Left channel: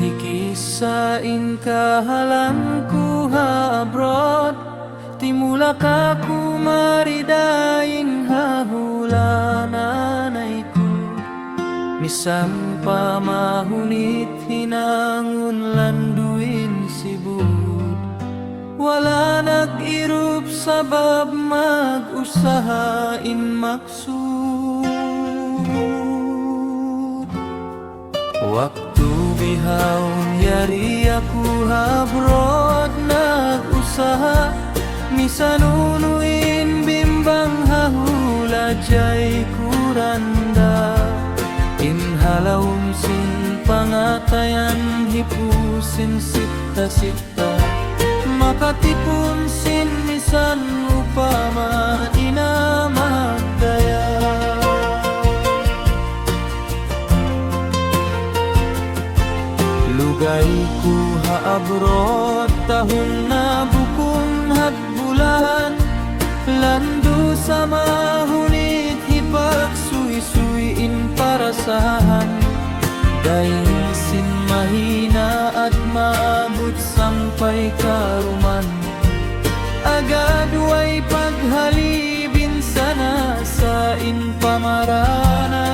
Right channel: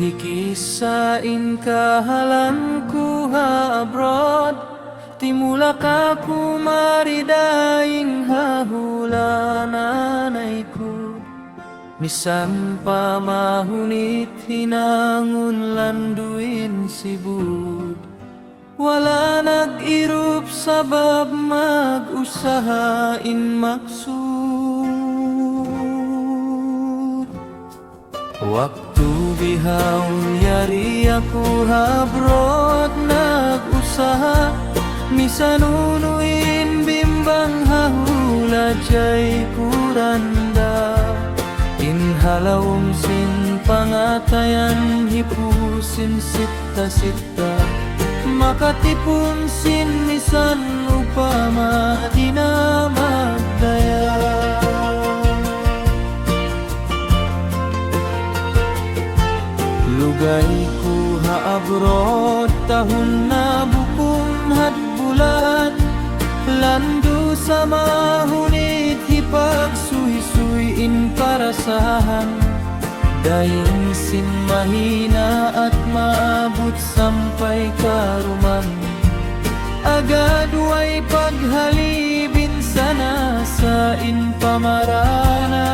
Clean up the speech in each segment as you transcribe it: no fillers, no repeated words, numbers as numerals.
hikisain kahalang ku ha abroad, timula ka kumaridaing hahula nanay ko. Misan pa mahunit hinangon landuin sibud, wala nag-irup sabab mag-usahain maksud. Waktu bihawon yari aku habrod nag-usaha, misanunuin bimbang hahula jay kuranda. Inhalawum sin pangatayan hipusin sita-sita, makatipon sin misan upama di na magdaya. Lugay ku ha-abroad tahun na bukong hadbulan, landu sa mahunit hipag suy-suyin parasahan. Daing sin mahina at maabot sampay karuman, agad way paghalibin sana sa inpamarana.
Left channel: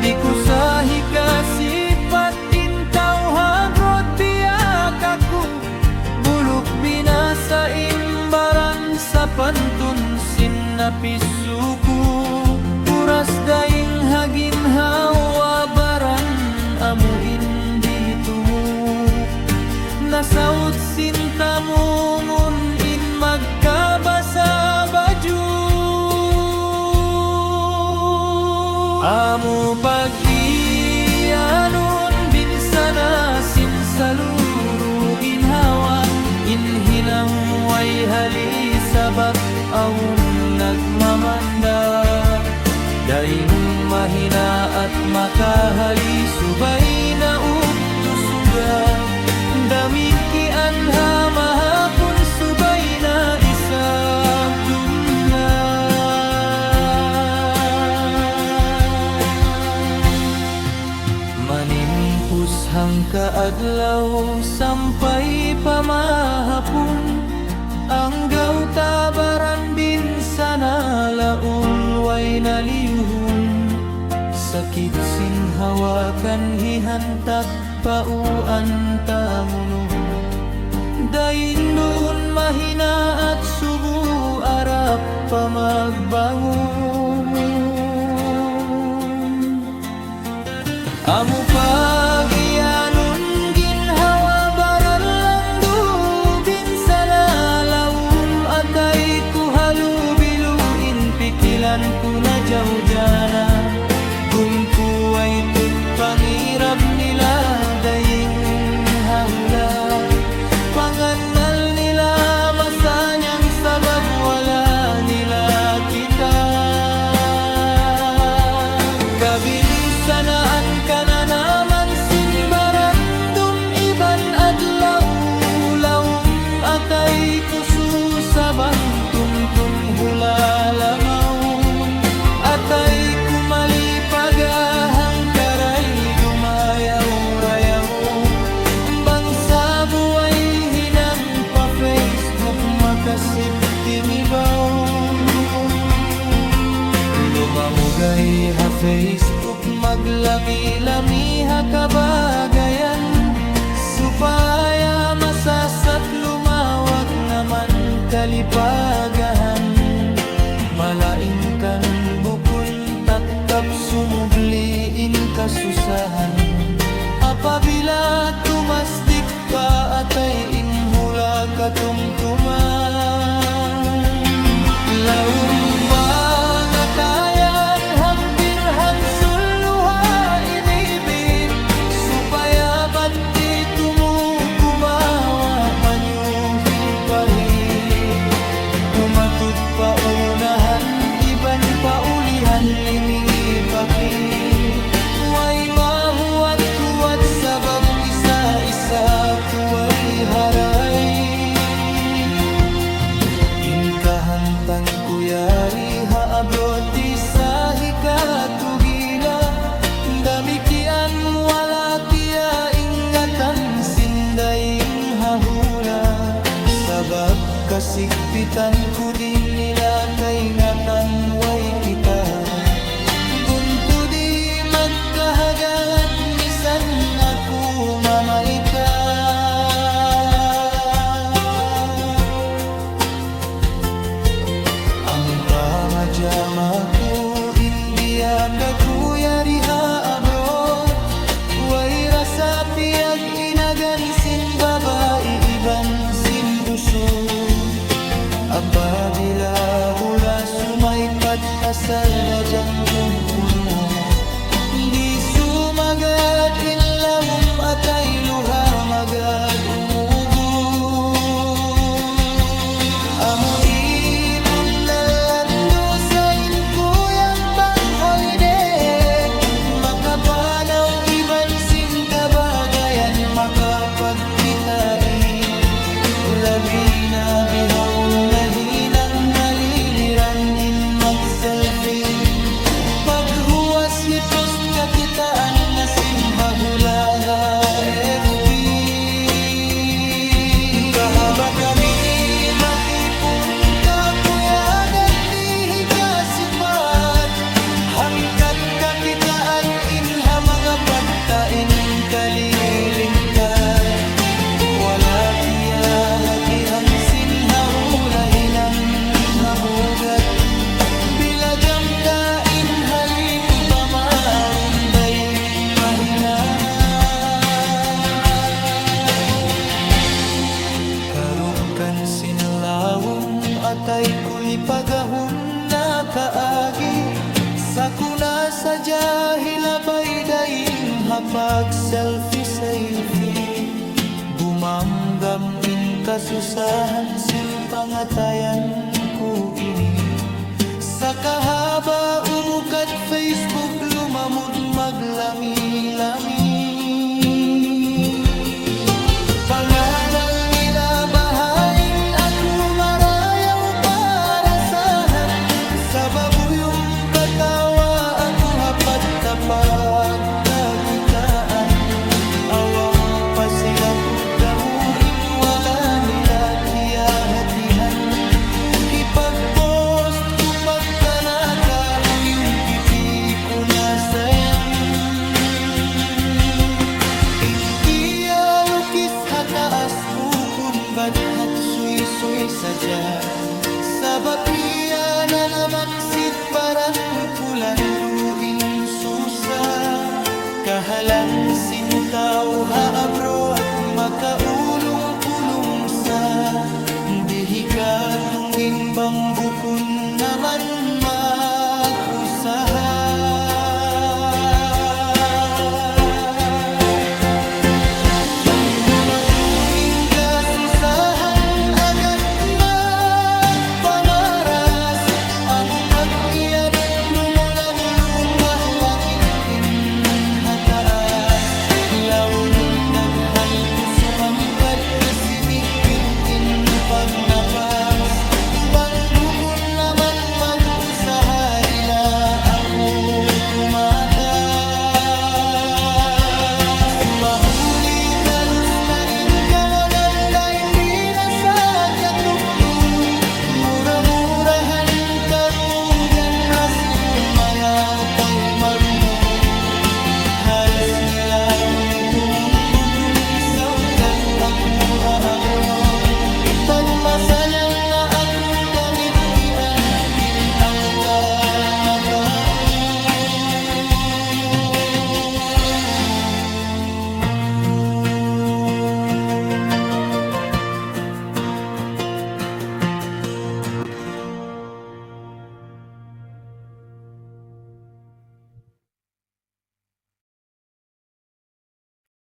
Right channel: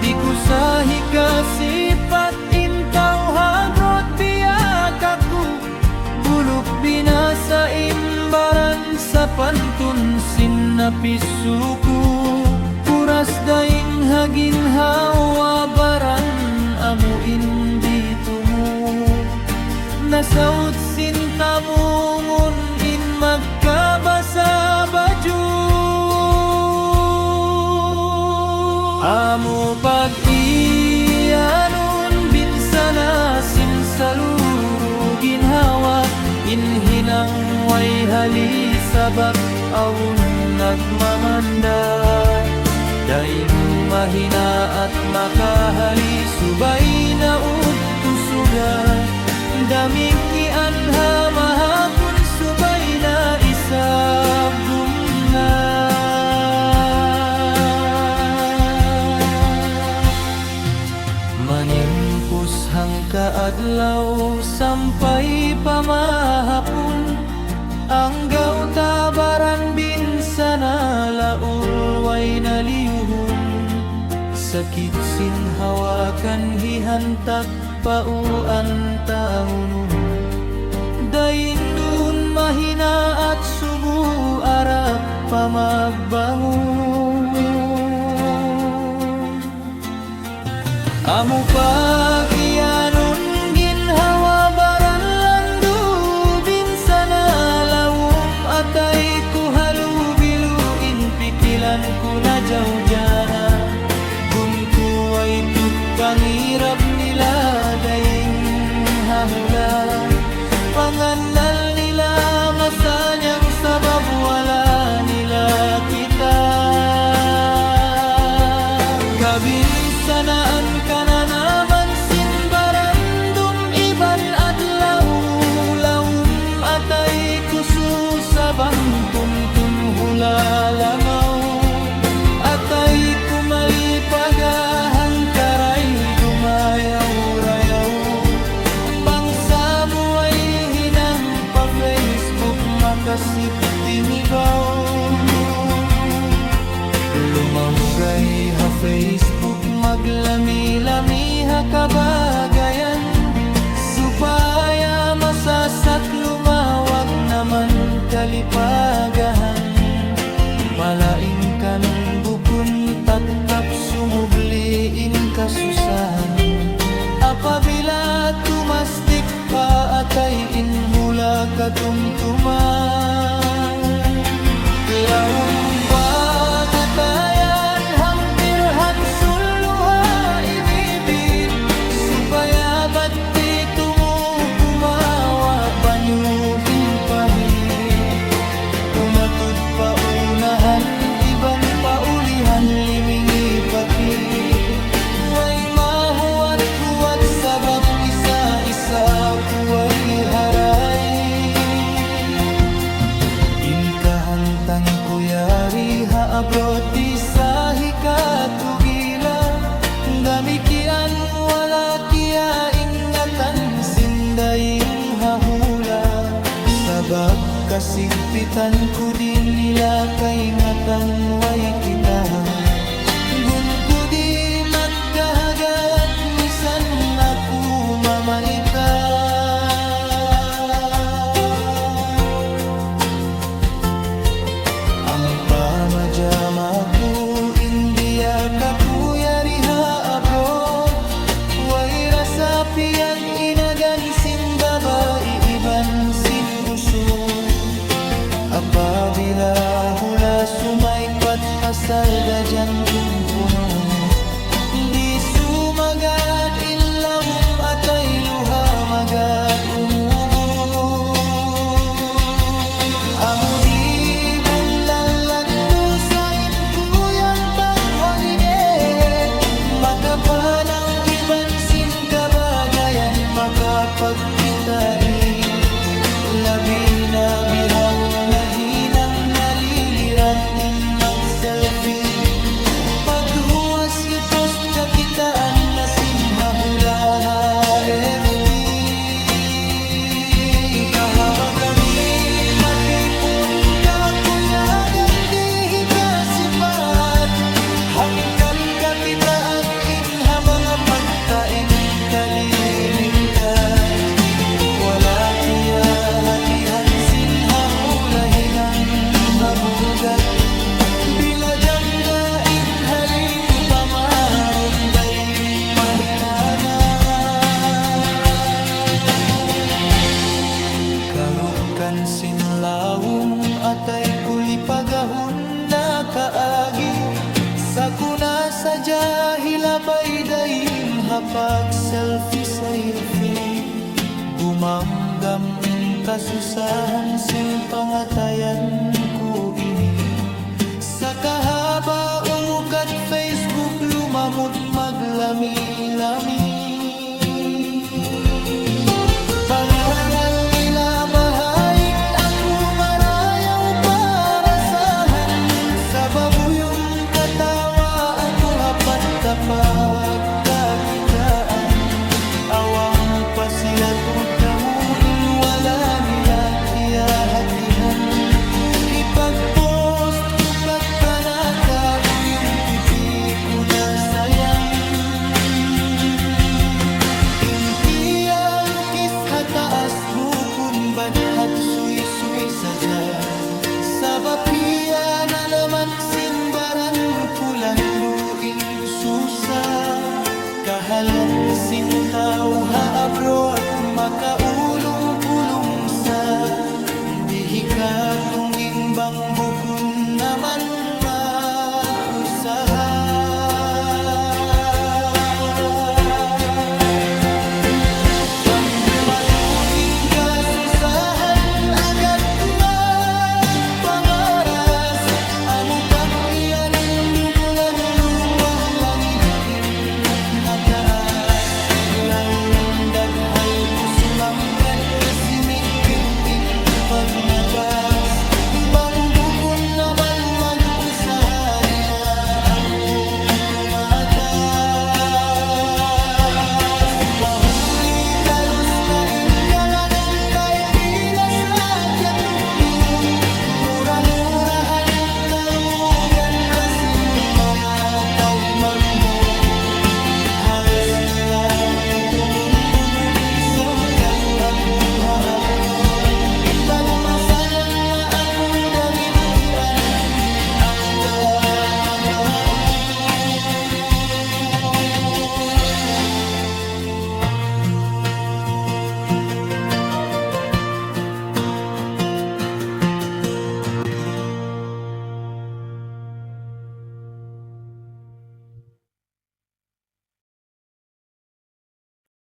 Di ko sa hikasipat intaw habrod biyak ako, bulok binasa imbaran sa pantunsin na pisuko. Puras daing haginhawa baran amuin dito mo, nasaud sintamungon in magkabasa baju. Amo pag-iyanon binsana sinsaluro ginhawa, inhinang way hali sabak awon nagmamanda. Daing mahina at makahali subay na uktusuga, damikian ha mahapon subay na isabdum nga. Manimpus hang kaadlaw sampay pamahapon, ang gautabaran binsana laul way naliyuhon. Sakit sinhawakan hihantak pauan tanguno, daindun mahina at subu arap pamagbangon. Amo pag-iyanon ginhawa baran landu binsana lawum atay ku halubiluin pikilan ku na jawjana. Gun ku ay tut pangirab nila daing hahula, panganal nila masanyang sabab wala nila kita. Kabinsanaan ka na naman sinbarandum iban adlaw, lawum atay kusu sabang tumtum hula lamaw. Atay kumali pagahang karay dumayaw-rayaw, bangsa buhay hinang pa Facebook makasip timibaw. Lumamugay ha Facebook maglami-lami ha kabagayan, supaya masasat lumawag naman kalipagahan. Malaing kan bukun tatkap sumubliin kasusahan, apabila tumasdik pa atay inhula katumtuman. Lawum pangatayan hampir hansuluha imibit, supaya bati tumu gumawa panyuhi pahit. Umatud paunahan iban paulihan limingi pakit, way mahuwat-huwat sabab isa-isa kuway haray. Inkahantang kuyari ha abroad di sa hikatugila, Damikian wala kia ingatan sindaing hahula, sabab kasigpitan ko din nila kaingatan way kita. Gunto di magkahagat nisan ako mamaita. Ang pamajama ko India kakuya riha abroad, way rasa piyag inagan sin babae iban sin usog. Apabila hula sumaikpat asal da jantong puno, di sumagad inlawom atay luha magad umubo. Amo di bunalando sa inkuyag bang holiday, makapanaw iban sin kabagayan makapagpitain. Labi na bihawon na hinang naliliran in mag-selfie, paghuwas ipost kakitaan na sinhahula FB. Kahaba kami matipon ka kuyagan di kasipat, hangkan kakitaan inha mga patain kalilingkat. Wala kiya hatihan sinhahulahin ang mabugat, bila jamdain haliku pamarum daing mahinana. Karukan sinlawom atay kulipagahon na kaagi, sakuna sadya hilabay daing hapag selfie. Bumamgam in kasusahan sin pangatayan ko ini, sa kahaba umukat Facebook lumamod maglami-lami. Panganal nila bahain ako marayaw parasahan, sa babuyong katawa ako hapat tapag kakitaan. Awam pa sila tudamuin wala nila kiya hatihan, ipag-post ko pagtanaka uyong pipi ko na sayan. Inkiya lukis hataas bukun badhat suy-suy sadya, sabapia na naman sinbaran pulang duin susa. Kahalan sintaw haabro at makaulong-pulong sa, dihi ka tungging bang bukun naman mag-usaha. Bang dumatungin ka susahan agad magpamaras, amo pag-iyanon dumulan lupa langit hataas. Lawong daghal ko sumangkad, sinigpit in pagnapas. Bang bukon naman mag-usaha, di na ako tumatas. Mahuli talos na inkalangan na hindi na sadya tuktok, mura-murahan karugan rasin mga taymang harus nila tumtumun bukun saukat ako haabroad. Ba't masanyang na ako dami